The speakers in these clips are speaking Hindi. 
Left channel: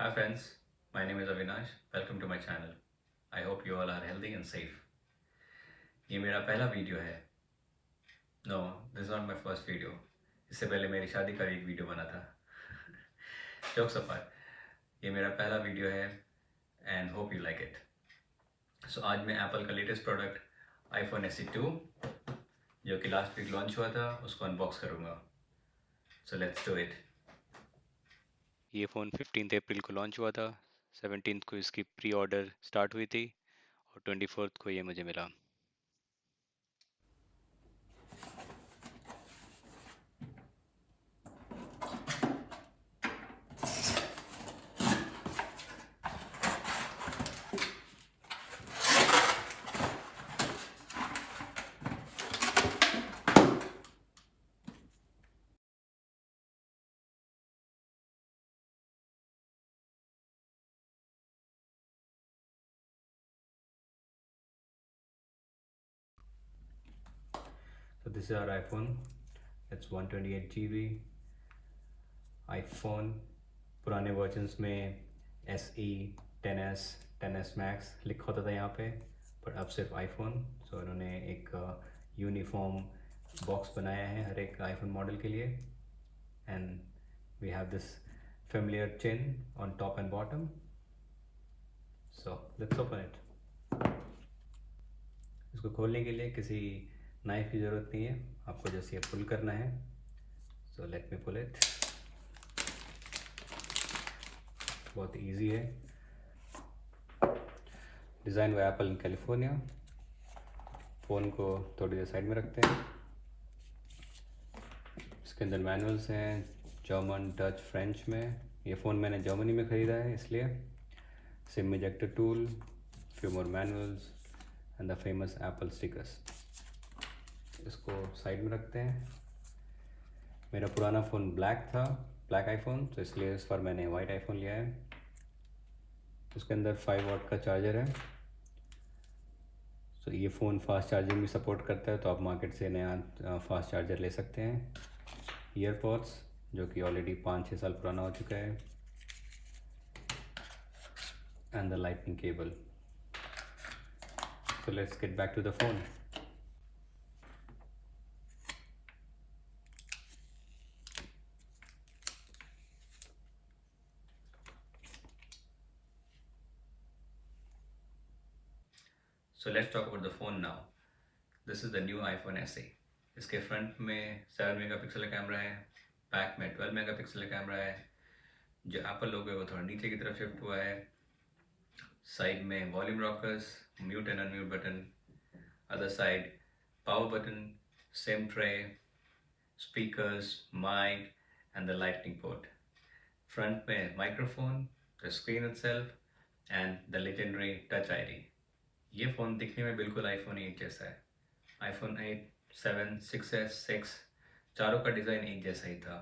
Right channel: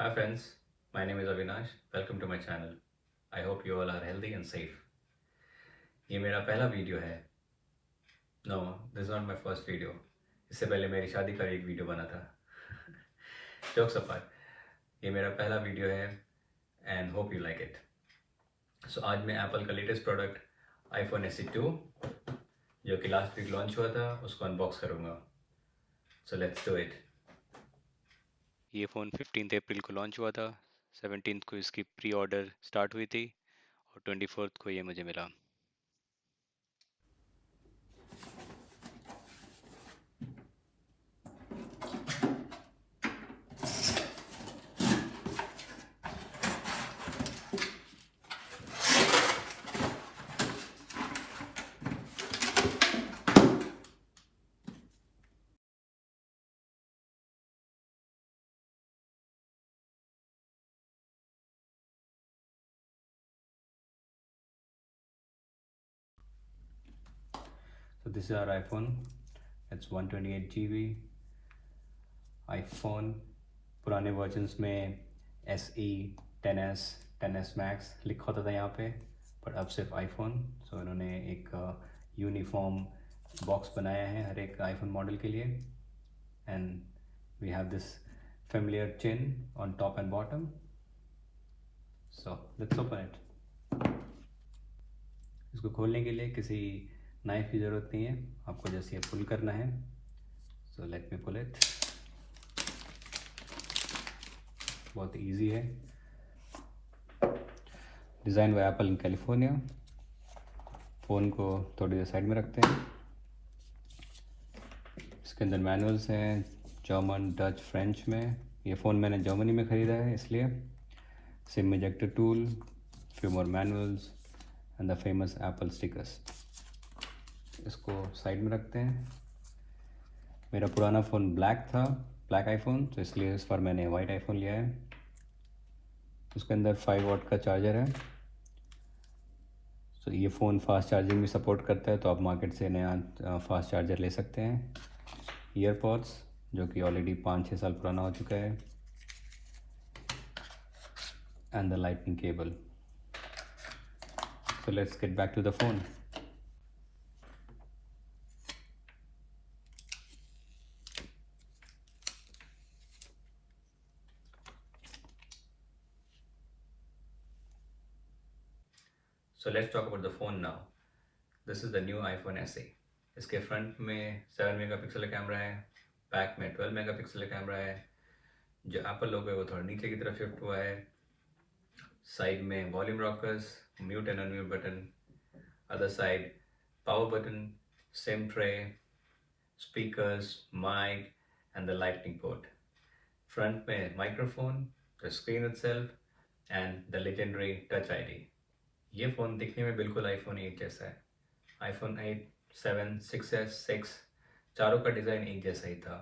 Hi friends, my name is Avinash. Welcome to my channel. I hope you all are healthy and safe. ये मेरा पहला वीडियो है. No, this is not my first video. इससे पहले मेरी शादी का एक वीडियो बना था. Jokes apart, ये मेरा पहला वीडियो है and hope you like it. So आज मैं Apple का लेटेस्ट प्रोडक्ट iPhone SE 2 जो कि लास्ट वीक लॉन्च हुआ था उसको अनबॉक्स करूँगा. So let's do it. ये फ़ोन 15 अप्रैल को लॉन्च हुआ था, 17 को इसकी प्री ऑर्डर स्टार्ट हुई थी और 24 को ये मुझे मिला. So this is our iPhone. It's 128 GB. iPhone पुराने वर्जन्स में SE, 10s, 10s Max लिखा होता था यहाँ पे, पर अब सिर्फ iPhone. सो इन्होंने एक यूनिफॉर्म बॉक्स बनाया है हर एक iPhone मॉडल के लिए. And we have this familiar chin on top and bottom. So let's open it. इसको खोलने के लिए किसी नाइफ की ज़रूरत नहीं है, आपको जैसे ये पुल करना है. So let me pull it. बहुत इजी है. Design by Apple in California. Phone को थोड़ी देर साइड में रखते हैं. इसके अंदर मैनुअल्स हैं जर्मन, डच, फ्रेंच में. ये फ़ोन मैंने जर्मनी में ख़रीदा है इसलिए. SIM ejector tool, few more manuals and the famous Apple stickers. इसको साइड में रखते हैं. मेरा पुराना फ़ोन ब्लैक था, ब्लैक आईफोन, तो इसलिए इस बार मैंने वाइट आईफोन लिया है. इसके अंदर 5 वॉट का चार्जर है. तो ये फ़ोन फास्ट चार्जिंग भी सपोर्ट करता है, तो आप मार्केट से नया फास्ट चार्जर ले सकते हैं. ईयरपॉड्स जो कि ऑलरेडी 5-6 साल पुराना हो चुका है. And the lightning cable. So let's get back to the phone. So let's talk about the phone now. This is the new iPhone SE. इसके फ्रंट में 7 मेगापिक्सल का कैमरा है, बैक में 12 मेगापिक्सल का कैमरा है. जो एप्पल लोगो है वो थोड़ा नीचे की तरफ शिफ्ट हुआ है. साइड में volume rockers, mute and unmute button. Other side power button, SIM tray, speakers, mic and the lightning port. Front में microphone, the screen itself and the legendary touch ID. ये फ़ोन दिखने में बिल्कुल आईफोन 8 जैसा है. आईफोन 8, 7, 6s, 6 चारों का डिज़ाइन एक जैसा ही था.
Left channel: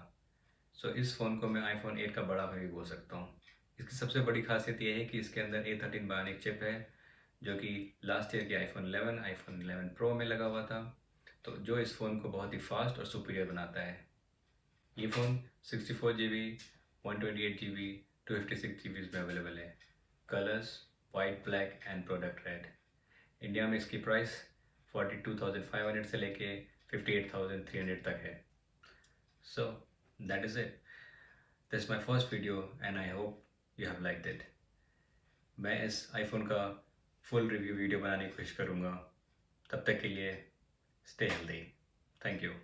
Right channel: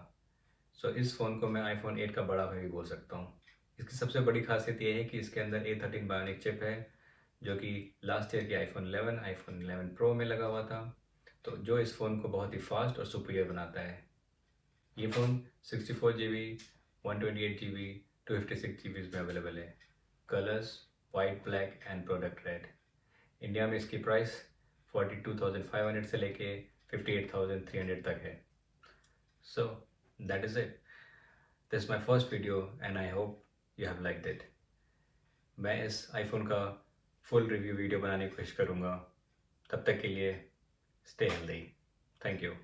सो इस फ़ोन को मैं आईफोन 8 का बड़ा भाई भी बोल सकता हूँ. इसकी सबसे बड़ी खासियत ये है कि इसके अंदर A13 बायोनिक चिप है जो कि लास्ट ईयर के आईफोन 11, आईफोन 11 प्रो में लगा हुआ था, तो जो इस फ़ोन को बहुत ही फास्ट और सुपीरियर बनाता है. ये फ़ोन 64 GB, 128 GB, 256 GB में अवेलेबल है. Colours white, black and product red. India में इसकी प्राइस 42,500 से लेके 58,300 तक है. So that is it. This is my first video and I hope you have liked it. मैं इस आईफोन का फुल रिव्यू वीडियो बनाने की कोशिश करूँगा. तब तक के लिए स्टे हेल्दी. Thank you.